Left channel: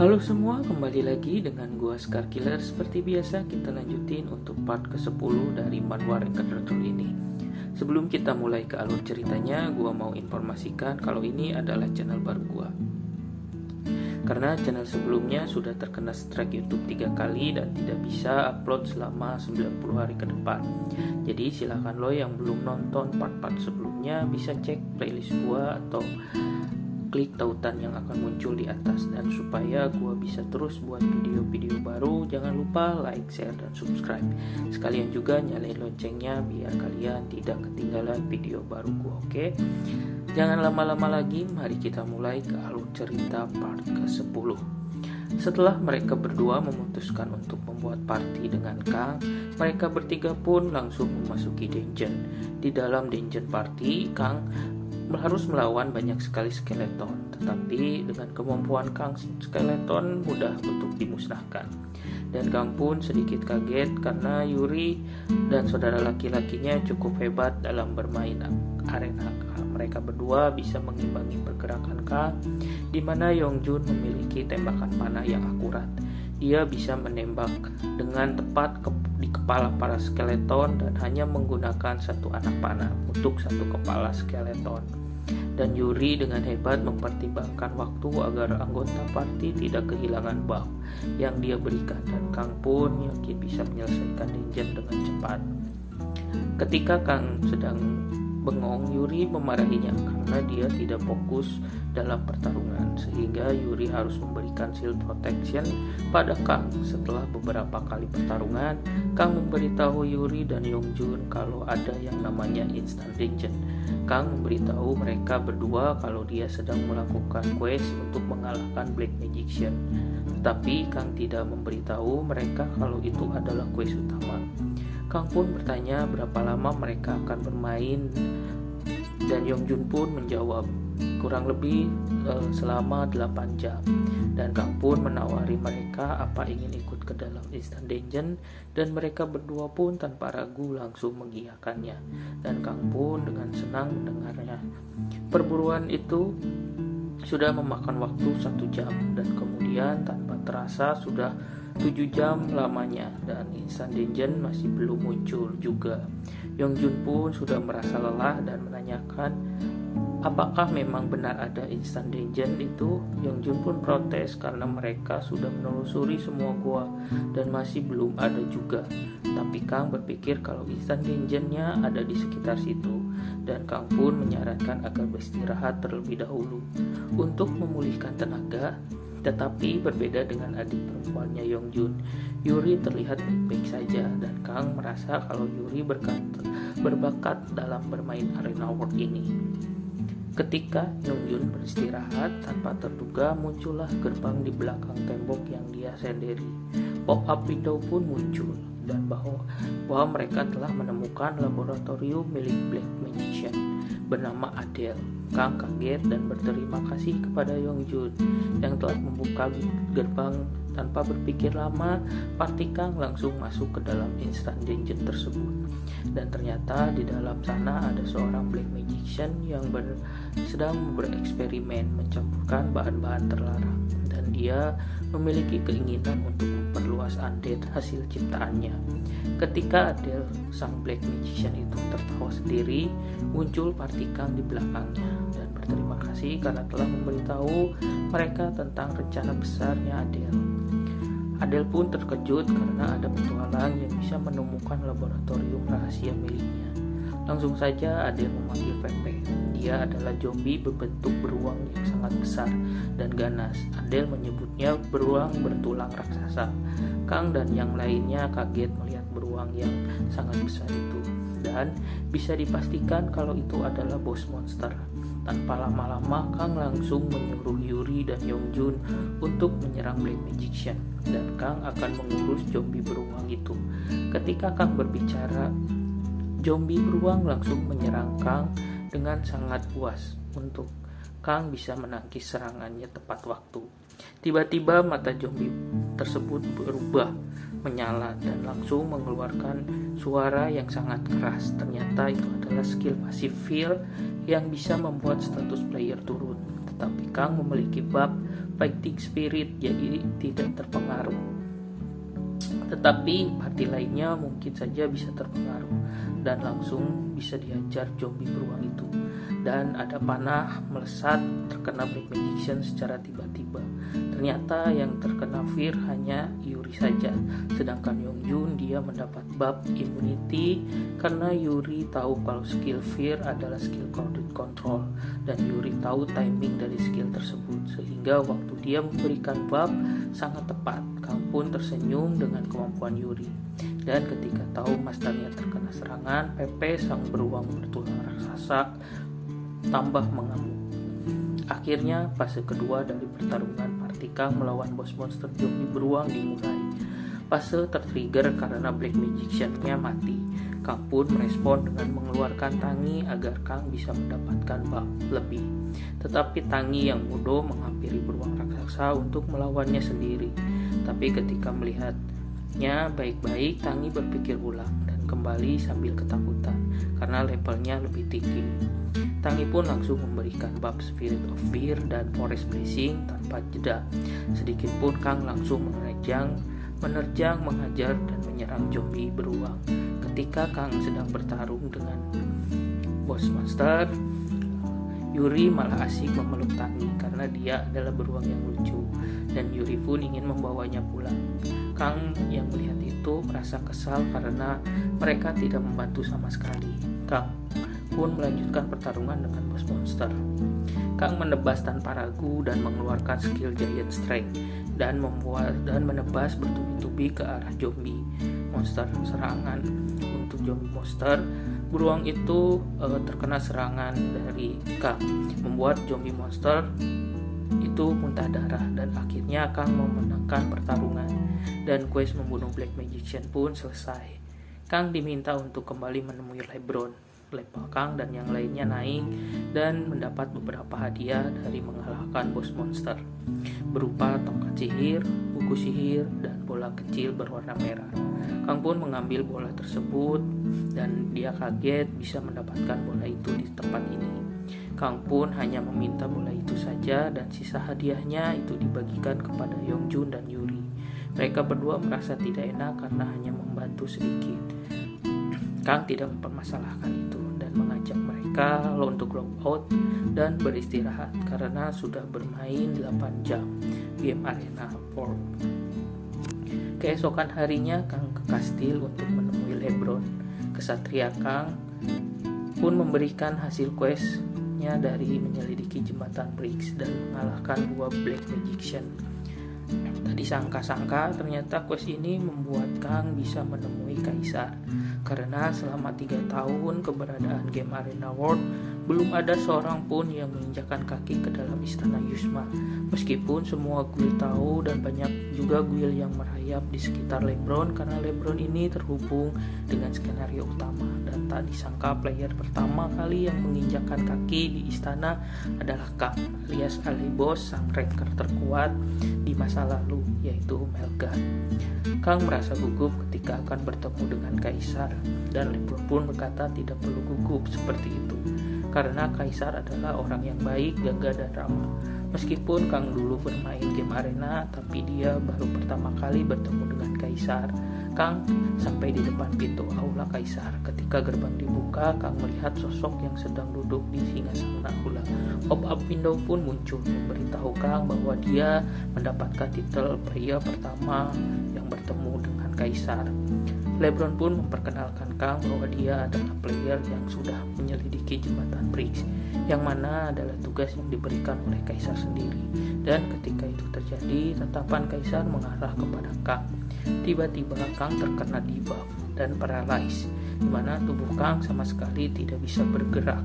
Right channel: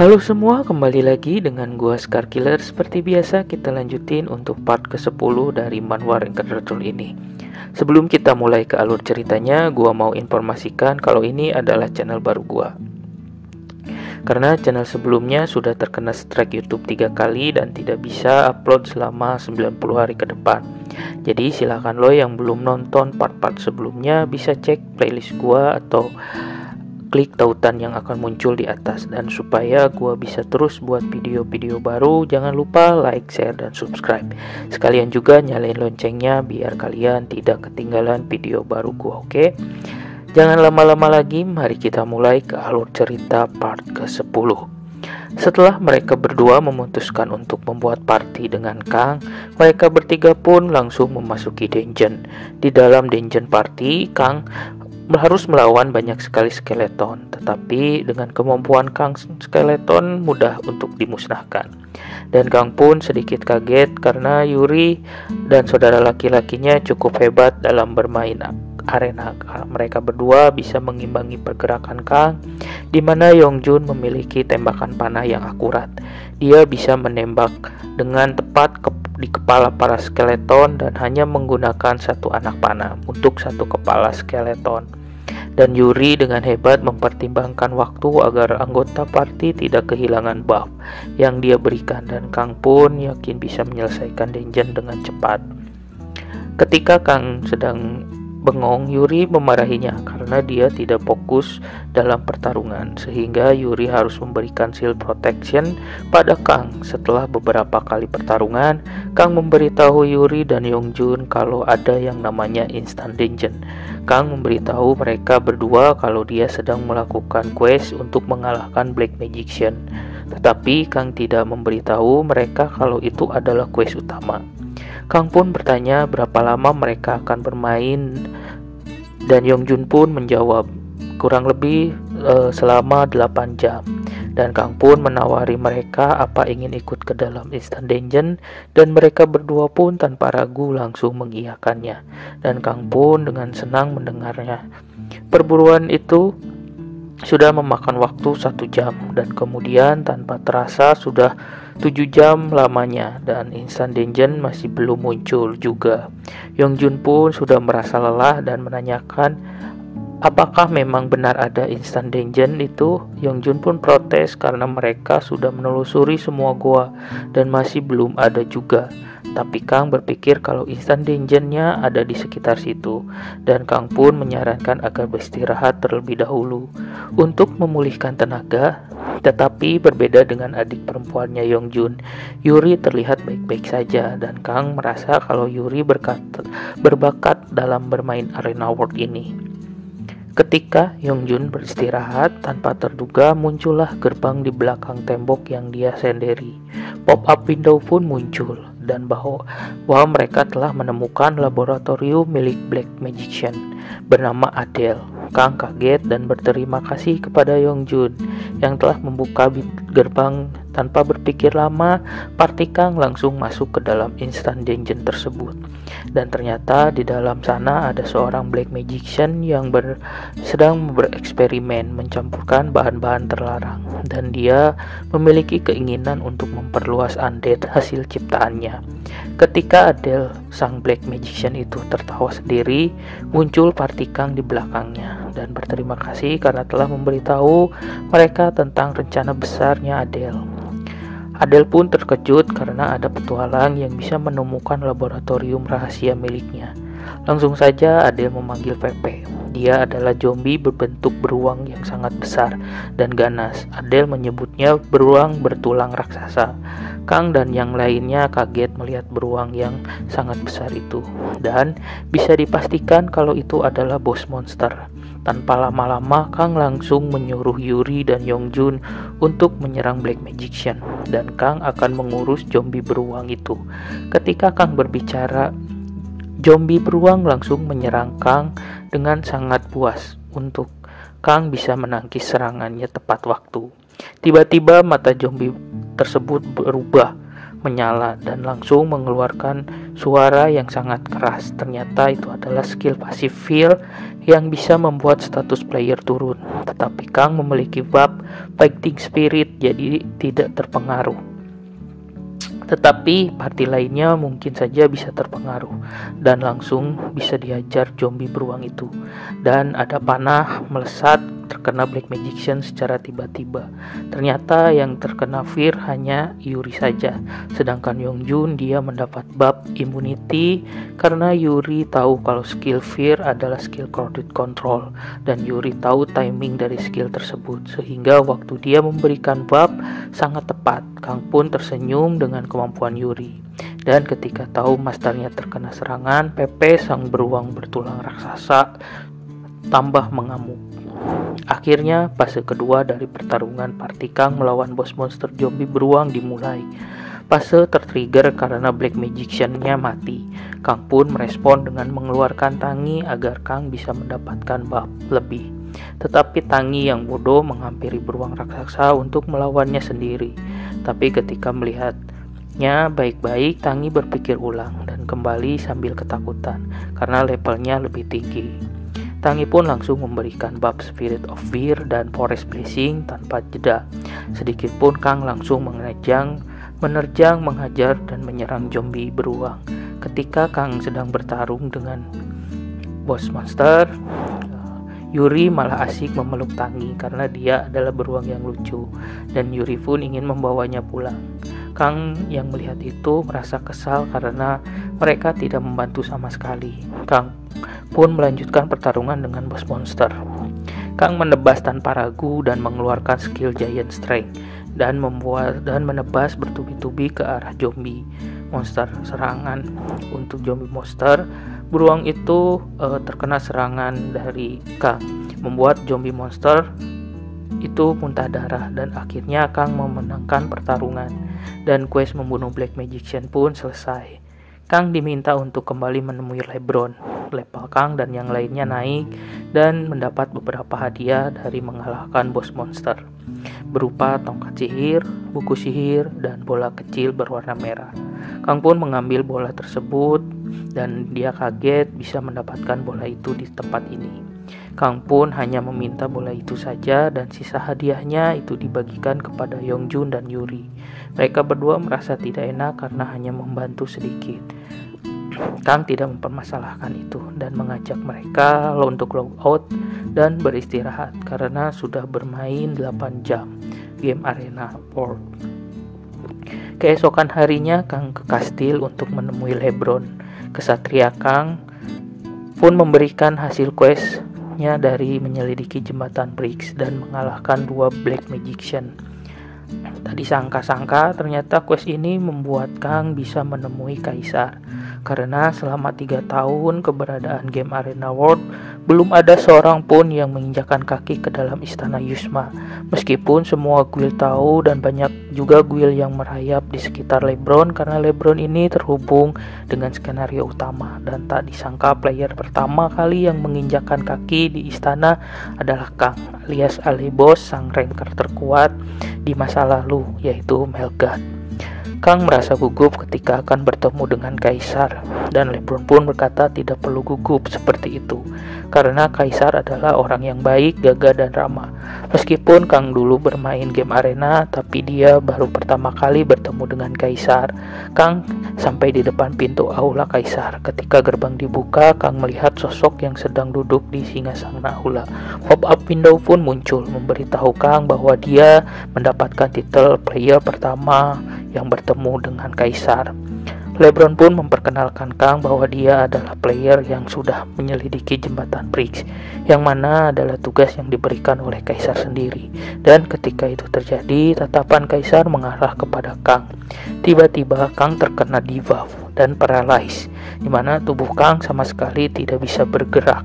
Halo semua, kembali lagi dengan gua Scar Killer. Seperti biasa kita lanjutin untuk part ke-10 dari manhwa Ranger Turtle ini. Sebelum kita mulai ke alur ceritanya, gua mau informasikan kalau ini adalah channel baru gua. Karena channel sebelumnya sudah terkena strike YouTube 3 kali dan tidak bisa upload selama 90 hari ke depan. Jadi silakan lo yang belum nonton part-part sebelumnya bisa cek playlist gua atau klik tautan yang akan muncul di atas. Dan supaya gua bisa terus buat video-video baru, jangan lupa like, share, dan subscribe. Sekalian juga nyalain loncengnya biar kalian tidak ketinggalan video baru gua, oke? Jangan lama-lama lagi, mari kita mulai ke alur cerita part ke-10. Setelah mereka berdua memutuskan untuk membuat party dengan Kang, mereka bertiga pun langsung memasuki dungeon. Di dalam dungeon party, Kang harus melawan banyak sekali skeleton, tetapi dengan kemampuan Kang, skeleton mudah untuk dimusnahkan. Dan Kang pun sedikit kaget karena Yuri dan saudara laki-lakinya cukup hebat dalam bermain arena. Mereka berdua bisa mengimbangi pergerakan Kang, di mana Yongjun memiliki tembakan panah yang akurat. Dia bisa menembak dengan tepat di kepala para skeleton dan hanya menggunakan satu anak panah untuk satu kepala skeleton. Dan Yuri dengan hebat mempertimbangkan waktu agar anggota party tidak kehilangan buff yang dia berikan, dan Kang pun yakin bisa menyelesaikan dungeon dengan cepat. Ketika Kang sedang bengong, Yuri memarahinya karena dia tidak fokus dalam pertarungan, sehingga Yuri harus memberikan shield protection pada Kang. Setelah beberapa kali pertarungan, Kang memberitahu Yuri dan Yongjun kalau ada yang namanya instant dungeon. Kang memberitahu mereka berdua kalau dia sedang melakukan quest untuk mengalahkan Black Magician, tetapi Kang tidak memberitahu mereka kalau itu adalah quest utama. Kang pun bertanya berapa lama mereka akan bermain, dan Yongjun pun menjawab kurang lebih selama 8 jam. Dan Kang pun menawari mereka apa ingin ikut ke dalam instant dungeon, dan mereka berdua pun tanpa ragu langsung mengiyakannya. Dan Kang pun dengan senang mendengarnya. Perburuan itu sudah memakan waktu 1 jam, dan kemudian tanpa terasa sudah 7 jam lamanya, dan instant dungeon masih belum muncul juga. Yongjun pun sudah merasa lelah dan menanyakan apakah memang benar ada instant dungeon itu. Yongjun pun protes karena mereka sudah menelusuri semua gua dan masih belum ada juga. Tapi Kang berpikir kalau instant dungeonnya ada di sekitar situ, dan Kang pun menyarankan agar beristirahat terlebih dahulu untuk memulihkan tenaga. Tetapi berbeda dengan adik perempuannya Yongjun, Yuri terlihat baik-baik saja, dan Kang merasa kalau Yuri berbakat dalam bermain arena world ini. Ketika Yongjun beristirahat, tanpa terduga muncullah gerbang di belakang tembok yang dia sendiri. Pop-up window pun muncul, dan bahwa mereka telah menemukan laboratorium milik Black Magician bernama Adele. Kang kaget dan berterima kasih kepada Yongjun yang telah membuka gerbang. Tanpa berpikir lama, party Kang langsung masuk ke dalam instant dungeon tersebut. Dan ternyata di dalam sana ada seorang Black Magician yang sedang bereksperimen mencampurkan bahan-bahan terlarang, dan dia memiliki keinginan untuk memperluas undead hasil ciptaannya. Ketika Adele, sang Black Magician itu tertawa sendiri, muncul party Kang di belakangnya dan berterima kasih karena telah memberitahu mereka tentang rencana besarnya Adele. Adele pun terkejut karena ada petualang yang bisa menemukan laboratorium rahasia miliknya. Langsung saja Adele memanggil Pepe. Dia adalah zombie berbentuk beruang yang sangat besar dan ganas. Adele menyebutnya beruang bertulang raksasa. Kang dan yang lainnya kaget melihat beruang yang sangat besar itu, dan bisa dipastikan kalau itu adalah bos monster. Tanpa lama-lama, Kang langsung menyuruh Yuri dan Yongjun untuk menyerang Black Magician, dan Kang akan mengurus zombie beruang itu. Ketika Kang berbicara, zombie beruang langsung menyerang Kang dengan sangat puas untuk Kang bisa menangkis serangannya tepat waktu. Tiba-tiba mata zombie tersebut berubah menyala dan langsung mengeluarkan suara yang sangat keras. Ternyata itu adalah skill pasif Feel yang bisa membuat status player turun. Tetapi Kang memiliki buff Fighting Spirit, jadi tidak terpengaruh. Tetapi party lainnya mungkin saja bisa terpengaruh dan langsung bisa dihajar zombie beruang itu. Dan ada panah melesat terkena Black Magician secara tiba-tiba. Ternyata yang terkena Fear hanya Yuri saja, sedangkan Yongjun dia mendapat buff Immunity karena Yuri tahu kalau skill Fear adalah skill crowded control, dan Yuri tahu timing dari skill tersebut, sehingga waktu dia memberikan buff sangat tepat. Kang pun tersenyum dengan kemampuan Yuri, dan ketika tahu masternya terkena serangan, Pepe sang beruang bertulang raksasa tambah mengamuk. Akhirnya fase kedua dari pertarungan party Kang melawan bos monster zombie beruang dimulai. Fase tertrigger karena Black Magician-nya mati. Kang pun merespon dengan mengeluarkan Tangi agar Kang bisa mendapatkan buff lebih. Tetapi Tangi yang bodoh menghampiri beruang raksasa untuk melawannya sendiri. Tapi ketika melihatnya baik-baik, Tangi berpikir ulang dan kembali sambil ketakutan karena levelnya lebih tinggi. Tangi pun langsung memberikan buff Spirit of Fear dan Forest Blessing tanpa jeda. Sedikit pun Kang langsung menerjang, menghajar dan menyerang zombie beruang. Ketika Kang sedang bertarung dengan bos monster, Yuri malah asik memeluk Tangi karena dia adalah beruang yang lucu, dan Yuri pun ingin membawanya pulang. Kang yang melihat itu merasa kesal karena mereka tidak membantu sama sekali. Kang pun melanjutkan pertarungan dengan bos monster. Kang menebas tanpa ragu dan mengeluarkan skill Giant Strike dan menebas bertubi-tubi ke arah zombie monster. Serangan untuk zombie monster beruang itu terkena serangan dari Kang, membuat zombie monster itu muntah darah, dan akhirnya Kang memenangkan pertarungan dan quest membunuh Black Magician pun selesai. Kang diminta untuk kembali menemui Lebron. Level Kang dan yang lainnya naik dan mendapat beberapa hadiah dari mengalahkan bos monster, berupa tongkat sihir, buku sihir, dan bola kecil berwarna merah. Kang pun mengambil bola tersebut dan dia kaget bisa mendapatkan bola itu di tempat ini. Kang pun hanya meminta bola itu saja dan sisa hadiahnya itu dibagikan kepada Yongjun dan Yuri. Mereka berdua merasa tidak enak karena hanya membantu sedikit. Kang tidak mempermasalahkan itu dan mengajak mereka untuk log out dan beristirahat karena sudah bermain 8 jam game Arena World. Keesokan harinya Kang ke kastil untuk menemui Lebron. Kesatria Kang pun memberikan hasil questnya dari menyelidiki jembatan Briggs dan mengalahkan 2 Black Magician. Tadi sangka-sangka ternyata quest ini membuat Kang bisa menemui Kaisar, karena selama 3 tahun keberadaan game Arena World belum ada seorang pun yang menginjakkan kaki ke dalam istana Yusma. Meskipun semua guild tahu dan banyak juga guild yang merayap di sekitar Lebron, karena Lebron ini terhubung dengan skenario utama, dan tak disangka player pertama kali yang menginjakkan kaki di istana adalah Kang alias Alibos, sang ranker terkuat di masa lalu, yaitu Melgard. Kang merasa gugup ketika akan bertemu dengan Kaisar, dan Lebron pun berkata tidak perlu gugup seperti itu karena Kaisar adalah orang yang baik, gagah, dan ramah. Meskipun Kang dulu bermain game arena, tapi dia baru pertama kali bertemu dengan Kaisar. Kang sampai di depan pintu aula Kaisar. Ketika gerbang dibuka, Kang melihat sosok yang sedang duduk di singgasana aula. Pop-up window pun muncul memberitahu Kang bahwa dia mendapatkan titel player pertama yang bertemu dengan Kaisar. Lebron pun memperkenalkan Kang bahwa dia adalah player yang sudah menyelidiki jembatan Briggs, yang mana adalah tugas yang diberikan oleh Kaisar sendiri. Dan ketika itu terjadi, tatapan Kaisar mengarah kepada Kang. Tiba-tiba Kang terkena debuff dan paralyzed, di mana tubuh Kang sama sekali tidak bisa bergerak.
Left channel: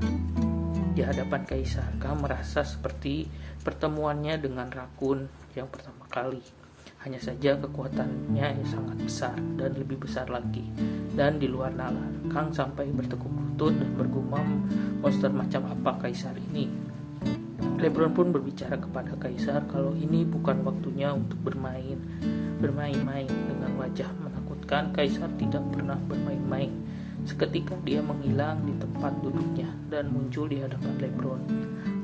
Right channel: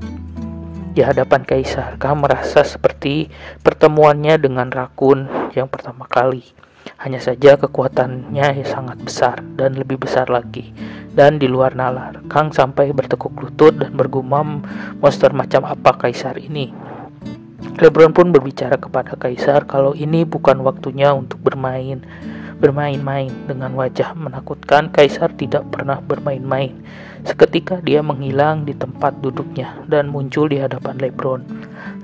Di hadapan Kaisar, Kang merasa seperti pertemuannya dengan Rakun yang pertama kali. Hanya saja kekuatannya sangat besar dan lebih besar lagi, dan di luar nalar. Kang sampai bertekuk lutut dan bergumam, monster macam apa Kaisar ini? Lebron pun berbicara kepada Kaisar kalau ini bukan waktunya untuk bermain-main. Dengan wajah menakutkan, Kaisar tidak pernah bermain-main. Seketika dia menghilang di tempat duduknya dan muncul di hadapan LeBron.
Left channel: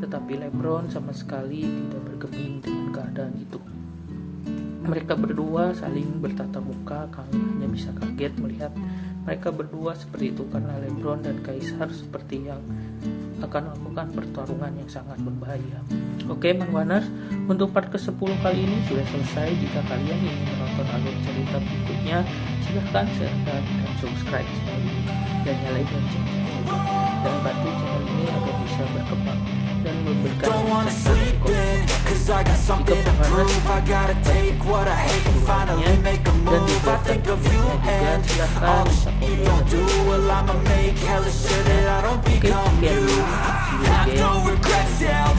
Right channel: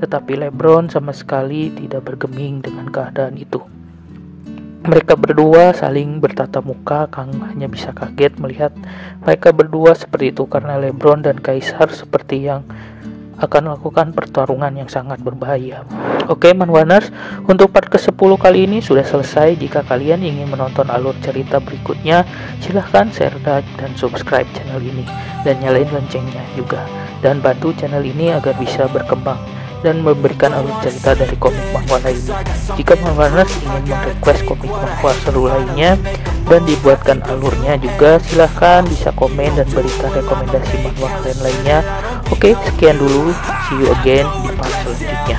Tetapi LeBron sama sekali tidak bergeming dengan keadaan itu. Mereka berdua saling bertatap muka. Kang hanya bisa kaget melihat mereka berdua seperti itu karena LeBron dan Kaisar seperti yang akan melakukan pertarungan yang sangat berbahaya. Oke Manwaners, untuk part ke-10 kali ini sudah selesai. Jika kalian ingin menonton alur cerita berikutnya, silahkan share dan subscribe channel ini dan nyalain loncengnya juga, dan bantu channel ini agar bisa berkembang dan memberikan alur cerita dari komik manhwa lainnya. Jika Manwaners ingin request komik manhwa seru lainnya dan dibuatkan alurnya juga, silahkan bisa komen dan berikan rekomendasi manhwa dan lainnya. Oke, sekian dulu, see you again di part selanjutnya.